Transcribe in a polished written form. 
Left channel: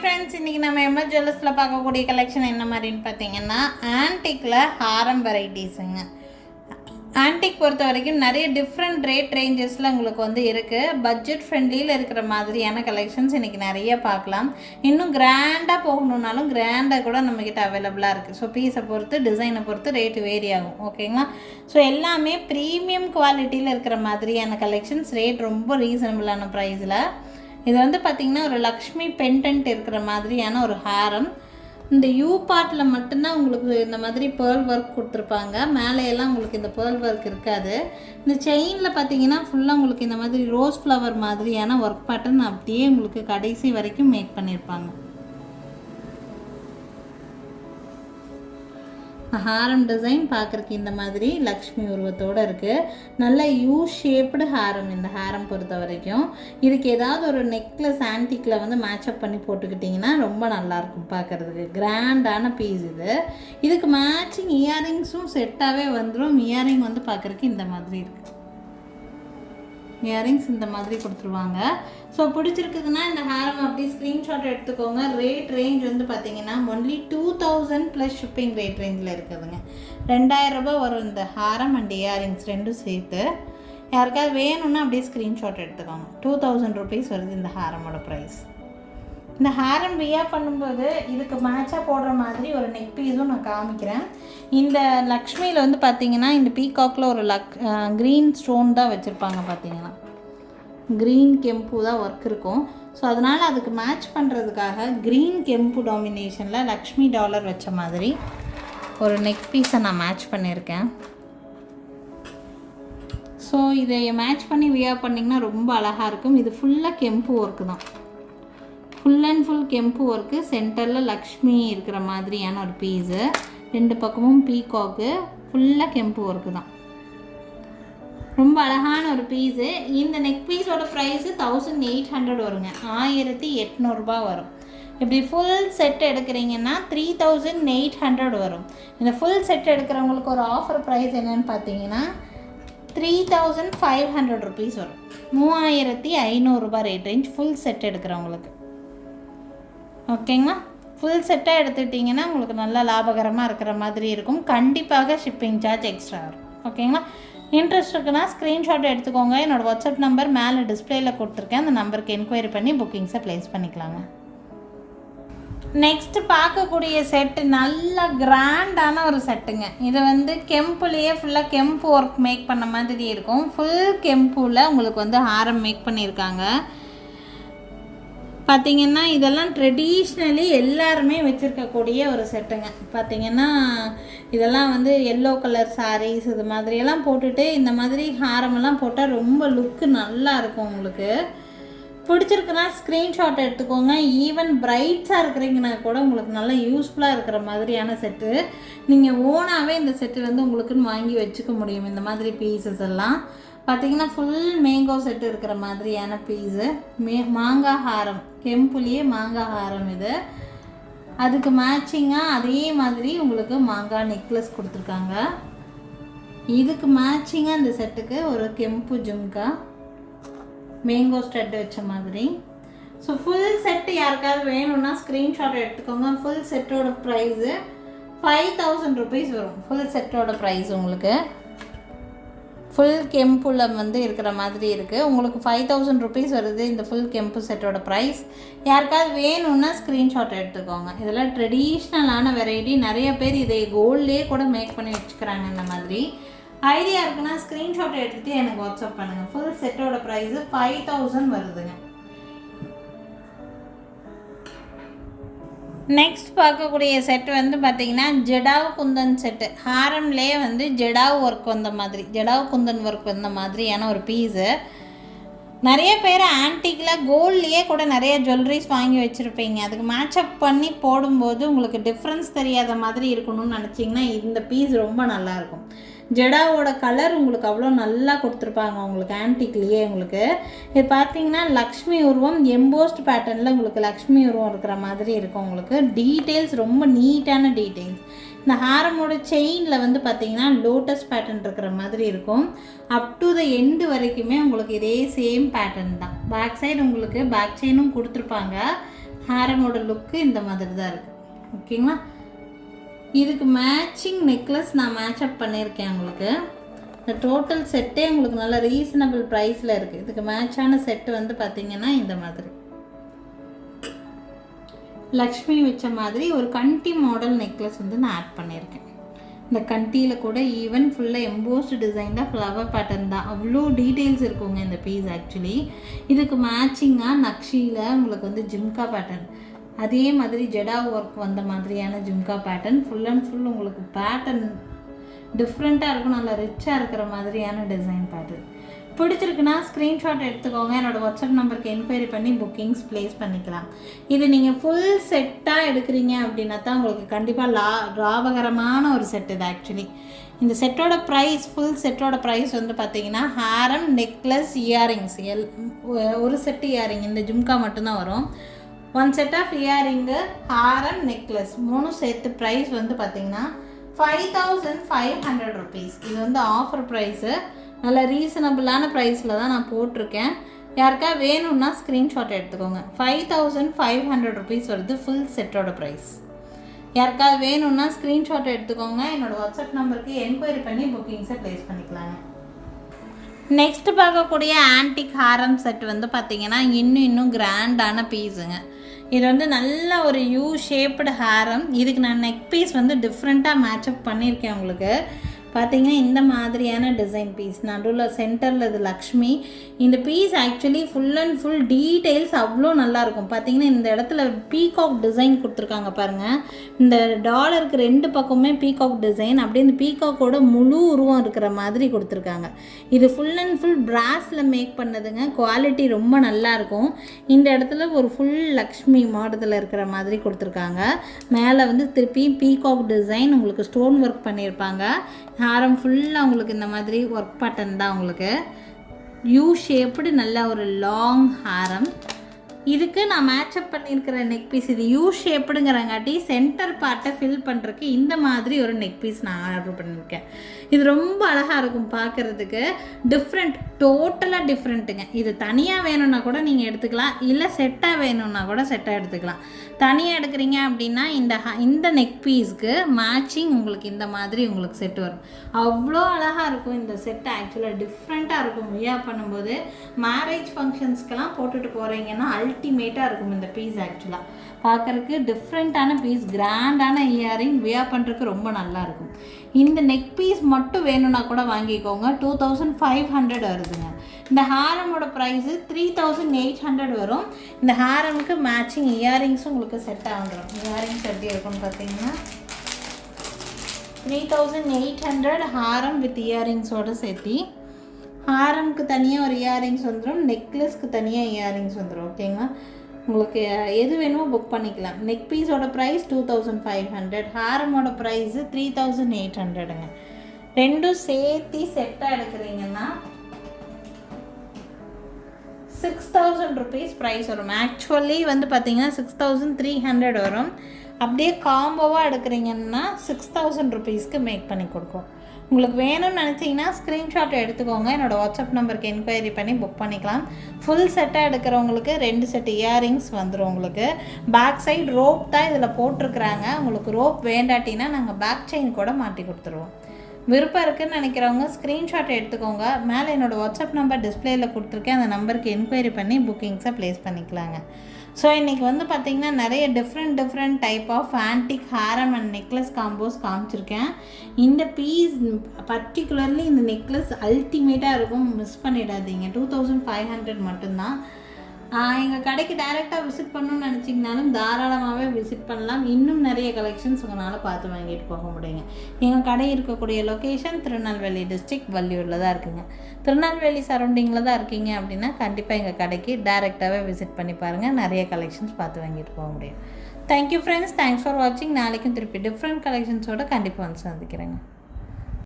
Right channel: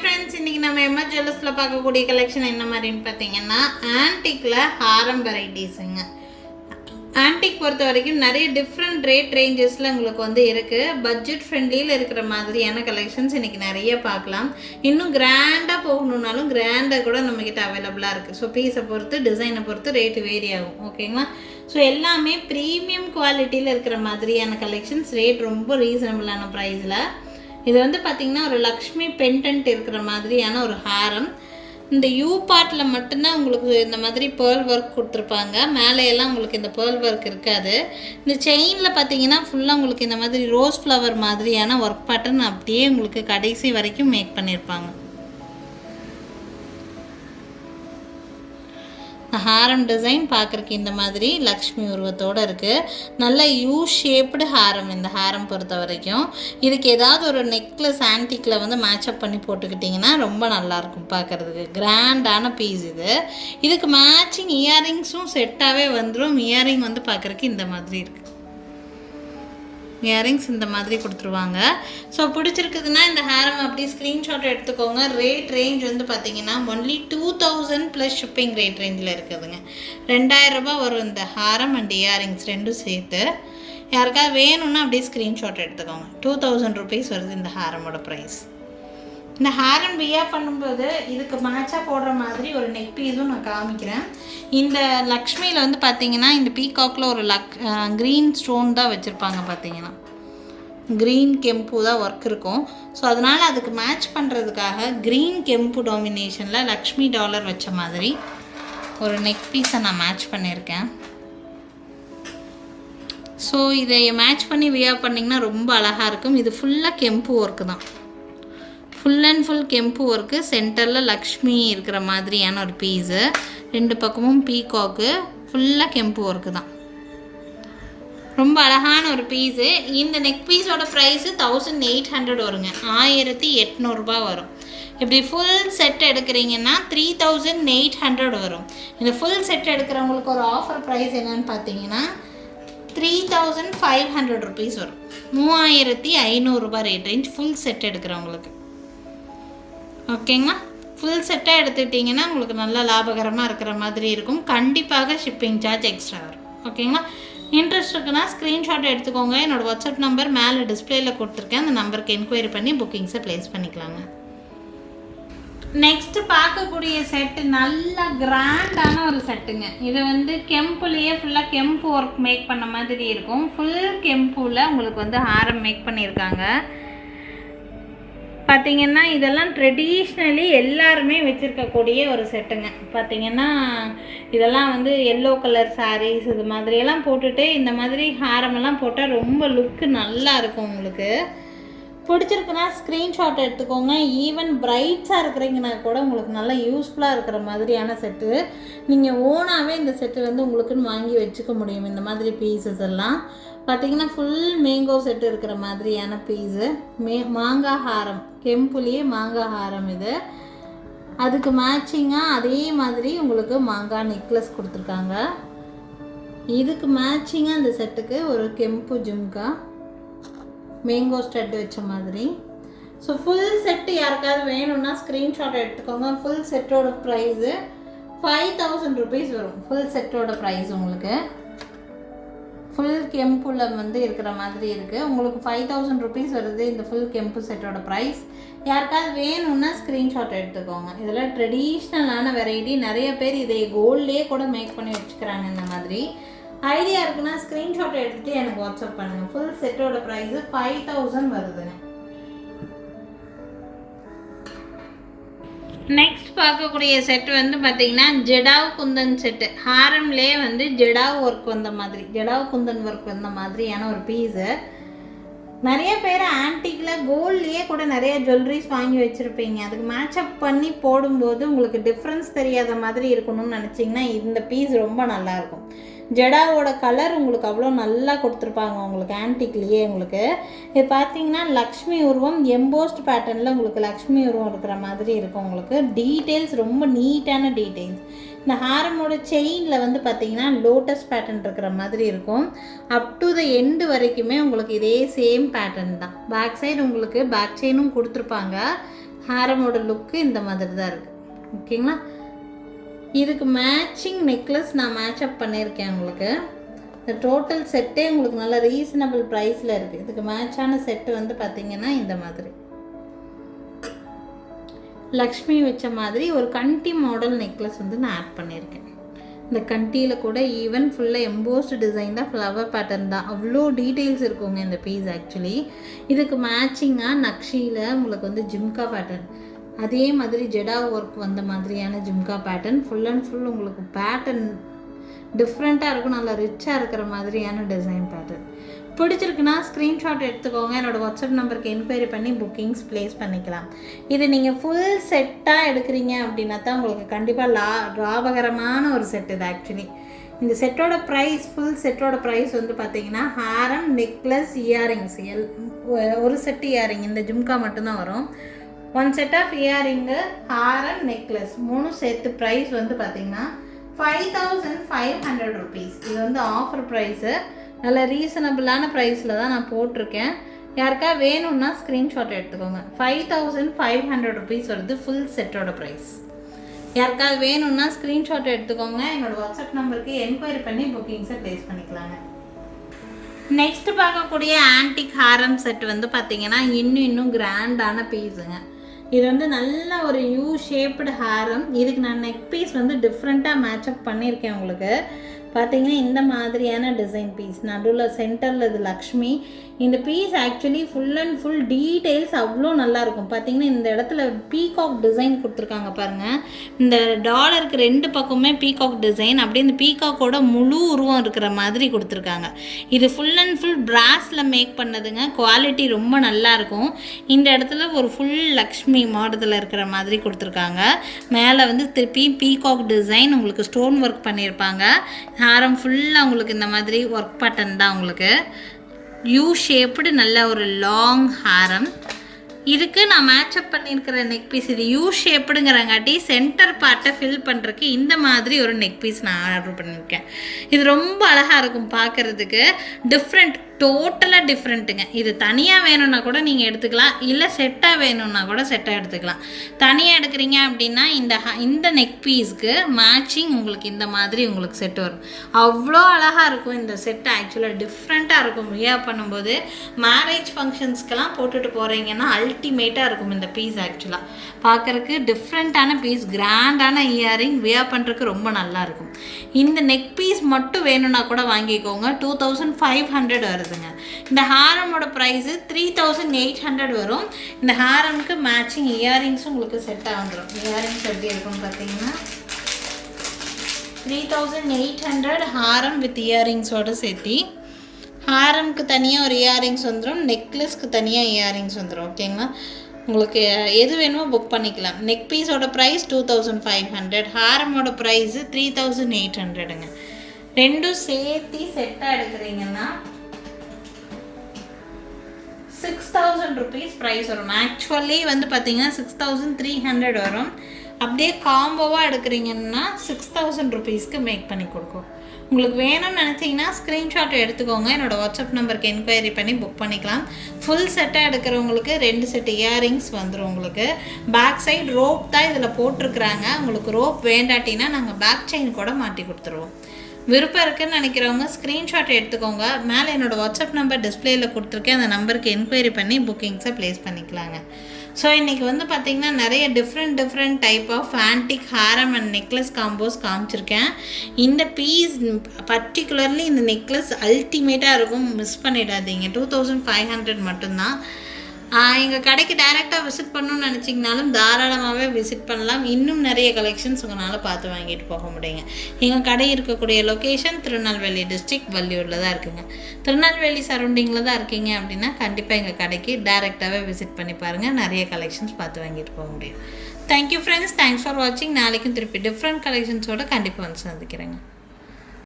Friends, இன்றைக்கி நம்ம MS ஜுவல்லர்ஸில் பார்க்கக்கூடிய கலெக்ஷன் என்ன மாதிரின்னு பார்த்தீங்கன்னா ஆன்டிக்கில் ஹாரம் வெரைட்டிஸுங்க. ஆன்டிக் பொறுத்த வரைக்கும் நிறைய டிஃப்ரெண்ட் ரேட் ரேஞ்சஸில் உங்களுக்கு வந்து இருக்குது. பட்ஜெட் ஃப்ரெண்ட்லியில் இருக்கிற மாதிரியான கலெக்ஷன்ஸ் இன்றைக்கி நிறைய பார்க்கலாம். இன்னும் கிராண்டாக போகணுன்னாலும் கிராண்டாக கூட நம்மக்கிட்ட அவைலபிளாக இருக்குது. ஸோ பீஸை பொறுத்து டிசைனை பொறுத்து ரேட்டு வேரி ஆகும். ஓகேங்களா? ஸோ எல்லாமே ப்ரீமியம் குவாலிட்டியில் இருக்கிற மாதிரியான கலெக்ஷன்ஸ், ரேட் ரொம்ப ரீசனபிளான ப்ரைஸில். இது வந்து பார்த்திங்கன்னா ஒரு லக்ஷ்மி பெண்டன்ட் இருக்கிற மாதிரியான ஒரு ஹாரம். இந்த யூ பார்ட்டில் மட்டும்தான் உங்களுக்கு இந்த மாதிரி பேர்ல் ஒர்க் கொடுத்துருப்பாங்க. மேலேயெல்லாம் உங்களுக்கு இந்த பேர்ல் ஒர்க் இருக்காது. இந்த செயினில் பார்த்தீங்கன்னா ஃபுல்லாக உங்களுக்கு இந்த மாதிரி ரோஸ் ஃப்ளவர் மாதிரியான ஒர்க் பேட்டர்ன் அப்படியே உங்களுக்கு கடைசி வரைக்கும் மேக் பண்ணியிருப்பாங்க. ஹாரம் டிசைன் பார்க்குறக்கு இந்த மாதிரி லக்ஷ்மி உருவத்தோடு இருக்குது. நல்ல யூ ஷேப்டு ஹாரம் இந்த ஹாரம் பொறுத்த வரைக்கும். இதுக்கு ஏதாவது ஒரு நெக்லஸ் ஆன்டிக்கில் வந்து மேட்சப் பண்ணி போட்டுக்கிட்டிங்கன்னா ரொம்ப நல்லாயிருக்கும் பார்க்குறதுக்கு. கிராண்டான பீஸ் இது. இதுக்கு மேட்சிங் இயரிங்ஸும் செட்டாகவே வந்துடும். இயரிங் வந்து பார்க்குறக்கு இந்த மாதிரி இருக்குது. இயரிங்ஸ் இந்த மாதிரி கொடுத்துருவாங்க. ஸோ பிடிச்சிருக்குதுன்னா இந்த ஹேரம் அப்படி ஸ்க்ரீன்ஷாட் எடுத்துக்கோங்க. ரேட் ரேஞ்ச் வந்து பார்த்திங்கன்னா ஒன்லி 2000 ப்ளஸ் ஷிப்பிங் ரேட் ரேஞ்சில் இருக்குதுங்க. 2000 ரூபாய் வரும் இந்த ஹாரம் அண்ட் இயரிங்ஸ் ரெண்டும் சேர்த்து. யாருக்காவது வேணும்னா அப்படியே ஸ்க்ரீன்ஷாட் எடுத்துக்கோங்க. 2000 ருபீஸ் வருது இந்த ஹாரமோட ப்ரைஸ். இந்த ஹாரம் வியா பண்ணும்போது இதுக்கு மேட்சாக போடுற மாதிரி ஒரு நெக் பீஸும் நான் காமிக்கிறேன். இந்த லக்ஷ்மியில் வந்து பார்த்திங்கன்னா இந்த பீகாக்கில் ஒரு க்ரீன் ஸ்டோன் தான் வச்சுருப்பாங்க. பார்த்திங்கன்னா க்ரீன் கெம்பு தான் ஒர்க் இருக்கும். ஸோ அதனால் அதுக்கு மேட்ச் பண்ணுறதுக்காக க்ரீன் கெம்பு டாமினேஷனில் லக்ஷ்மி டாலர் வச்ச மாதிரி ஒரு நெக் பீஸை நான் மேட்ச் பண்ணியிருக்கேன். ஸோ இதை மேட்ச் பண்ணி வியா பண்ணிங்கன்னா ரொம்ப அழகாக இருக்கும். இது ஃபுல்லாக கெம்பு ஒர்க்கு தான். ஃபுல் அண்ட் ஃபுல் கெம்பு ஒர்க்கு. சென்டரில் லக்ஷ்மி இருக்கிற மாதிரியான ஒரு பீஸு. ரெண்டு பக்கமும் பீகாக்கு. ஃபுல்லாக கெம்பு ஒர்க்கு தான். ரொம்ப அழகான ஒரு பீஸு. இந்த நெக் பீஸோட ப்ரைஸு 1800 வருங்க. 1800 ரூபாய் வரும். இப்படி ஃபுல் செட் எடுக்கிறீங்கன்னா 3800 வரும். இந்த ஃபுல் செட் எடுக்கிறவங்களுக்கு ஒரு ஆஃபர் ப்ரைஸ் என்னன்னு பார்த்தீங்கன்னா 3500 ருபீஸ் வரும். 3500 ரூபாய் ரேட் ரேஞ்ச் ஃபுல் செட் எடுக்கிறவங்களுக்கு. ஓகேங்களா? ஃபுல் செட்டாக எடுத்துக்கிட்டிங்கன்னா உங்களுக்கு நல்லா லாபகரமாக இருக்கிற மாதிரி இருக்கும். கண்டிப்பாக ஷிப்பிங் சார்ஜ் எக்ஸ்ட்ரா வரும். ஓகேங்களா? இன்ட்ரெஸ்ட் இருக்குன்னா ஸ்க்ரீன்ஷாட் எடுத்துக்கோங்க. என்னோடய வாட்ஸ்அப் நம்பர் மேலே டிஸ்பிளேயில் கொடுத்துருக்கேன். அந்த நம்பருக்கு என்கொயரி பண்ணி புக்கிங்ஸை ப்ளேஸ் பண்ணிக்கலாங்க. நெக்ஸ்ட்டு பார்க்கக்கூடிய செட்டு நல்ல கிராண்டான ஒரு செட்டுங்க. இது வந்து கெம்புலேயே ஃபுல்லாக கெம்பு ஒர்க் மேக் பண்ண மாதிரி இருக்கும். ஃபுல் கெம்புவில் உங்களுக்கு வந்து ஹாரம் மேக் பண்ணியிருக்காங்க. பார்த்திங்கன்னா இதெல்லாம் ட்ரெடிஷ்னலி எல்லாருமே வச்சுருக்கக்கூடிய ஒரு செட்டுங்க. பார்த்திங்கன்னா இதெல்லாம் வந்து எல்லோ கலர் சாரீஸ் இது மாதிரியெல்லாம் போட்டுட்டு இந்த மாதிரி ஹாரமெல்லாம் போட்டால் ரொம்ப லுக்கு நல்லா இருக்கும். உங்களுக்கு பிடிச்சிருக்குன்னா ஸ்க்ரீன்ஷாட் எடுத்துக்கோங்க. ஈவன் பிரைட்ஸாக இருக்கிறீங்கன்னா கூட உங்களுக்கு நல்லா யூஸ்ஃபுல்லாக இருக்கிற மாதிரியான செட்டு. நீங்கள் ஓனாகவே இந்த செட்டு வந்து உங்களுக்குன்னு வாங்கி வச்சுக்க முடியும். இந்த மாதிரி பீசஸ் எல்லாம் பார்த்திங்கன்னா ஃபுல் மேங்கோ செட்டு இருக்கிற மாதிரியான பீஸு. மாங்காய் ஹாரம், கெம்புலேயே மாங்காய் ஹாரம் இது. அதுக்கு மேட்சிங்காக அதே மாதிரி உங்களுக்கு மாங்காய் நெக்லஸ் கொடுத்துருக்காங்க. இதுக்கு மேட்சிங்காக அந்த செட்டுக்கு ஒரு கெம்பு ஜும்கா மேங்கோ ஸ்டட் வச்ச மாதிரி. ஸோ ஃபுல் செட்டு யாருக்காவது வேணும்னா ஸ்க்ரீன்ஷாட் எடுத்துக்கோங்க. ஃபுல் செட்டோட ப்ரைஸு 5000 ருபீஸ் வரும். ஃபுல் செட்டோட ப்ரைஸ் உங்களுக்கு ஃபுல் கெம்புல வந்து இருக்கிற மாதிரி இருக்குது. உங்களுக்கு 5000 ருபீஸ் வருது இந்த ஃபுல் கெம்பு செட்டோட ப்ரைஸ். யாருக்காவது வேணும்னா ஸ்க்ரீன்ஷாட் எடுத்துக்கோங்க. இதில் ட்ரெடிஷ்னலான வெரைட்டி. நிறைய பேர் இதை கோல்ட்லேயே கூட மேக் பண்ணி வச்சுக்கிறாங்க. இந்த மாதிரி ஐடியா இருக்குன்னா ஸ்க்ரீன்ஷாட் எடுத்துகிட்டு எனக்கு வாட்ஸ்அப் பண்ணுங்கள். ஃபுல் செட்டோட ப்ரைஸு 5000 வருதுங்க. நெக்ஸ்ட் பார்க்கக்கூடிய செட் வந்து பார்த்திங்கன்னா ஜடாவ் குந்தன் செட்டு. ஹாரம்லேயே வந்து ஜடாவ் ஒர்க் வந்த மாதிரி, ஜடாவ் குந்தன் ஒர்க் வந்த மாதிரியான ஒரு பீஸு. நிறைய பேர் ஆன்டிக்கில் கோல்ட்லேயே கூட நிறைய ஜுவல்லரிஸ் வாங்கி வச்சுருப்பீங்க. அதுக்கு மேட்சப் பண்ணி போடும்போது உங்களுக்கு டிஃப்ரென்ஸ் தெரியாத மாதிரி இருக்கணும்னு நினச்சிங்கன்னா இந்த பீஸ் ரொம்ப நல்லாயிருக்கும். ஜடாவோட கலர் உங்களுக்கு அவ்வளோ நல்லா கொடுத்துருப்பாங்க. உங்களுக்கு ஆன்டிக்லேயே உங்களுக்கு இது பார்த்திங்கன்னா லக்ஷ்மி உருவம் எம்போஸ்ட் பேட்டர்னில் உங்களுக்கு லக்ஷ்மி உருவம் இருக்கிற மாதிரி இருக்கும். உங்களுக்கு டீட்டெயில்ஸ் ரொம்ப நீட்டான டீட்டெயில்ஸ். இந்த ஹாரமோட செயினில் வந்து பார்த்திங்கன்னா லோட்டஸ் பேட்டர்ன் இருக்கிற மாதிரி இருக்கும். அப் டு த எண்டு வரைக்குமே உங்களுக்கு இதே சேம் பேட்டர்ன் தான். பேக் சைடு உங்களுக்கு பேக் செயினும் கொடுத்துருப்பாங்க. ஹாரமோட லுக்கு இந்த மாதிரி தான் இருக்குது. ஓகேங்களா? இதுக்கு மேட்சிங் நெக்லஸ் நான் மேட்சப் பண்ணியிருக்கேன். உங்களுக்கு இந்த டோட்டல் செட்டே உங்களுக்கு நல்ல ரீசனபிள் ப்ரைஸில் இருக்குது. இதுக்கு மேட்சான செட்டு வந்து பார்த்திங்கன்னா இந்த மாதிரி லக்ஷ்மி வச்ச மாதிரி ஒரு கண்டி மாடல் நெக்லஸ் வந்து நான் ஆட் பண்ணியிருக்கேன். இந்த கண்டியில் கூட ஈவன் ஃபுல்லாக எம்போஸ்டு டிசைன் தான், ஃப்ளவர் பேட்டர்ன் தான், அவ்வளோ டீட்டெயில்ஸ் இருக்குங்க இந்த பீஸ். ஆக்சுவலி இதுக்கு மேட்சிங்காக நக்ஷியில் உங்களுக்கு வந்து ஜிம்கா பேட்டர்ன், அதே மாதிரி ஜெடா ஒர்க் வந்த மாதிரியான jhumka pattern, full and full உங்களுக்கு பேட்டர்ன் டிஃப்ரெண்ட்டாக இருக்கும், நல்லா ரிச்சாக இருக்கிற மாதிரியான டிசைன் பேட்டர்ன். பிடிச்சிருக்குன்னா ஸ்க்ரீன்ஷாட் எடுத்துக்கோங்க. என்னோடய வாட்ஸ்அப் நம்பருக்கு என்கொயரி பண்ணி புக்கிங்ஸ் ப்ளேஸ் பண்ணிக்கலாம். இது நீங்கள் ஃபுல் செட்டாக எடுக்கிறீங்க அப்படின்னா தான் உங்களுக்கு கண்டிப்பாக லாபகரமான ஒரு செட் இது. ஆக்சுவலி இந்த செட்டோட ப்ரைஸ், ஃபுல் செட்டோட ப்ரைஸ் வந்து பார்த்திங்கன்னா ஹாரம், நெக்லஸ், இயரிங்ஸ் ஒரு செட்டு இயரிங் இந்த ஜும்கா மட்டும்தான் வரும். 1 set of earring, Haram, necklace 3 சேர்த்து ப்ரைஸ் வந்து பார்த்திங்கன்னா 5500 rupees. இது வந்து ஆஃபர் ப்ரைஸு, நல்ல ரீசனபிளான ப்ரைஸில் தான் நான் போட்டிருக்கேன். யாருக்கா வேணும்னா ஸ்க்ரீன்ஷாட் எடுத்துக்கோங்க. 5500 rupees வருது ஃபுல் செட்டோட ப்ரைஸ். யாருக்கா வேணும்னா ஸ்க்ரீன்ஷாட் எடுத்துக்கோங்க. என்னோடய வாட்ஸ்அப் நம்பருக்கு என்கொயரி பண்ணி புக்கிங்ஸை ப்ளேஸ் பண்ணிக்கலாங்க. நெக்ஸ்ட்டு பார்க்கக்கூடிய ஆன்டிக் ஹாரம் செட் வந்து பார்த்திங்கன்னா இன்னும் கிராண்டான பீஸுங்க. இது வந்து நல்ல ஒரு யூ ஷேப்டு ஹாரம். இதுக்கு நான் நெக் பீஸ் வந்து டிஃப்ரெண்ட்டாக மேட்சப் பண்ணியிருக்கேன். உங்களுக்கு பார்த்தீங்கன்னா இந்த மாதிரியான டிசைன் பீஸ், நடுவில் சென்டரில் இது லக்ஷ்மி. இந்த piece actually full and full details அவ்வளோ நல்லாயிருக்கும். பார்த்தீங்கன்னா இந்த இடத்துல பீகாக் டிசைன் கொடுத்துருக்காங்க பாருங்கள். இந்த டாலருக்கு 2 பக்கமே பீகாக் டிசைன், அப்படியே இந்த பீகாக்கோட முழு உருவம் இருக்கிற மாதிரி கொடுத்துருக்காங்க. இது ஃபுல் அண்ட் ஃபுல் பிராஸில் மேக் பண்ணதுங்க. குவாலிட்டி ரொம்ப நல்லாயிருக்கும். இந்த இடத்துல ஒரு ஃபுல் லக்ஷ்மி மாடத்தில் இருக்கிற மாதிரி கொடுத்துருக்காங்க. மேலே வந்து திருப்பி பீகாக் டிசைன் உங்களுக்கு ஸ்டோன் ஒர்க் பண்ணியிருப்பாங்க. ஹாரம் ஃபுல்லாக உங்களுக்கு இந்த மாதிரி ஒர்க் பேட்டர்ன் தான். உங்களுக்கு யூ ஷேப்டு நல்ல ஒரு லாங் ஹாரம். இதுக்கு நான் மேட்சப் பண்ணியிருக்கிற நெக் பீஸ் இது யூ ஷேப்புடுங்கிறங்காட்டி சென்டர் பார்ட்டை ஃபில் பண்ணுறதுக்கு இந்த மாதிரி ஒரு நெக் பீஸ் நான் ஆர்டர் பண்ணியிருக்கேன். இது ரொம்ப அழகாக இருக்கும் பார்க்குறதுக்கு. டிஃப்ரெண்ட், டோட்டலாக டிஃப்ரெண்ட்டுங்க. இது தனியாக வேணும்னா கூட நீங்கள் எடுத்துக்கலாம், இல்லை செட்டாக வேணும்னா கூட செட்டாக எடுத்துக்கலாம். தனியாக எடுக்கிறீங்க அப்படின்னா இந்த நெக் பீஸ்க்கு மேட்சிங் உங்களுக்கு இந்த மாதிரி உங்களுக்கு செட் வரும். அவ்வளோ அழகாக இருக்கும் இந்த செட்டு. ஆக்சுவலாக டிஃப்ரெண்ட்டாக இருக்கும். வியர் பண்ணும்போது மேரேஜ் ஃபங்க்ஷன்ஸ்க்கெல்லாம் போட்டுட்டு போகிறீங்கன்னா அல்டிமேட்டாக இருக்கும் இந்த பீஸ். ஆக்சுவலாக பார்க்குறதுக்கு டிஃப்ரெண்ட்டான பீஸ், கிராண்டான இயரிங், வியர் பண்ணுறதுக்கு ரொம்ப நல்லாயிருக்கும். இந்த நெக் பீஸ் மட்டும் வேணும்னா கூட வாங்கிக்கோங்க. 2500 வருதுங்க. இந்த ஹாரமோட ப்ரைஸு 3800 வரும். இந்த ஹாரமுக்கு மேட்சிங் இயரிங்ஸும் உங்களுக்கு செட்டாக வந்துடும். இயரிங்ஸ் எப்படி இருக்குன்னு பார்த்தீங்கன்னா 3800 ஹாரம் வித் இயரிங்ஸோடு சேர்த்தி. ஹாரம்க்கு தனியாக ஒரு இயரிங்ஸ் வந்துடும், நெக்லஸ்க்கு தனியாக இயரிங்ஸ் வந்துடும். ஓகேங்களா? உங்களுக்கு எது வேணுமோ புக் பண்ணிக்கலாம். நெக் பீஸோட ப்ரைஸ் 2500, ஹாரமோட ப்ரைஸு 3800ங்க. ரெண்டும் சேர்த்து செட்டாக எடுக்கிறீங்கன்னா 6000 rupees ப்ரைஸ் வரும். ஆக்சுவலி வந்து பார்த்தீங்கன்னா 6300 வரும். அப்படியே காம்போவாக எடுக்கிறீங்கன்னா 6000 rupeesக்கு மேக் பண்ணி கொடுக்கும். உங்களுக்கு வேணும்னு நினச்சிங்கன்னா ஸ்க்ரீன்ஷாட் எடுத்துக்கோங்க. என்னோடய வாட்ஸ்அப் நம்பருக்கு என்கொயரி பண்ணி புக் பண்ணிக்கலாம். ஃபுல் செட்டாக எடுக்கிறவங்களுக்கு 2 செட் இயரிங்ஸ் வந்துடும். உங்களுக்கு பேக் சைடு ரோப் தான் இதில் போட்டிருக்கிறாங்க. உங்களுக்கு ரோப் வேண்டாட்டினா நாங்கள் பேக் செயின் கூட மாட்டி கொடுத்துருவோம். விருப்பம் இருக்குதுன்னு நினைக்கிறவங்க ஸ்க்ரீன்ஷாட் எடுத்துக்கோங்க. மேலே என்னோடய வாட்ஸ்அப் நம்பர் டிஸ்பிளேயில் கொடுத்துருக்கேன். அந்த நம்பருக்கு என்கொயரி பண்ணி புக்கிங்ஸை ப்ளேஸ் பண்ணிக்கலாங்க. ஸோ இன்றைக்கி வந்து பார்த்திங்கன்னா நிறைய different type of antique Haram and necklace combos காமிச்சிருக்கேன். இந்த பீஸ் பர்டிகுலர்லி இந்த நெக்லஸ் அல்டிமேட்டாக இருக்கும், மிஸ் பண்ணிடாதீங்க. 2500 மட்டும்தான். எங்கள் கடைக்கு டைரெக்டாக விசிட் பண்ணணும்னு நினச்சிங்கனாலும் தாராளமாகவே விசிட் பண்ணலாம். இன்னும் நிறைய கலெக்ஷன்ஸ் உங்களால் பார்த்து வாங்கிட்டு போக முடியுங்க. எங்கள் கடை இருக்கக்கூடிய லொக்கேஷன் திருநெல்வேலி டிஸ்ட்ரிக்ட், வள்ளியூரில் தான் இருக்குங்க. திருநெல்வேலி சரௌண்டிங்கில் தான் இருக்கீங்க அப்படின்னா கண்டிப்பாக எங்கள் கடைக்கு டைரெக்டாகவே விசிட் பண்ணி பாருங்கள். நிறைய கலெக்ஷன்ஸ் பார்த்து வாங்கிட்டு போக முடியும். தேங்க்யூ ஃப்ரெண்ட்ஸ், தேங்க்ஸ் ஃபார் வாட்சிங். நாளைக்கும் திருப்பி டிஃப்ரெண்ட் கலெக்ஷன்ஸோடு கண்டிப்பாக வந்து சந்திக்கிறேங்க.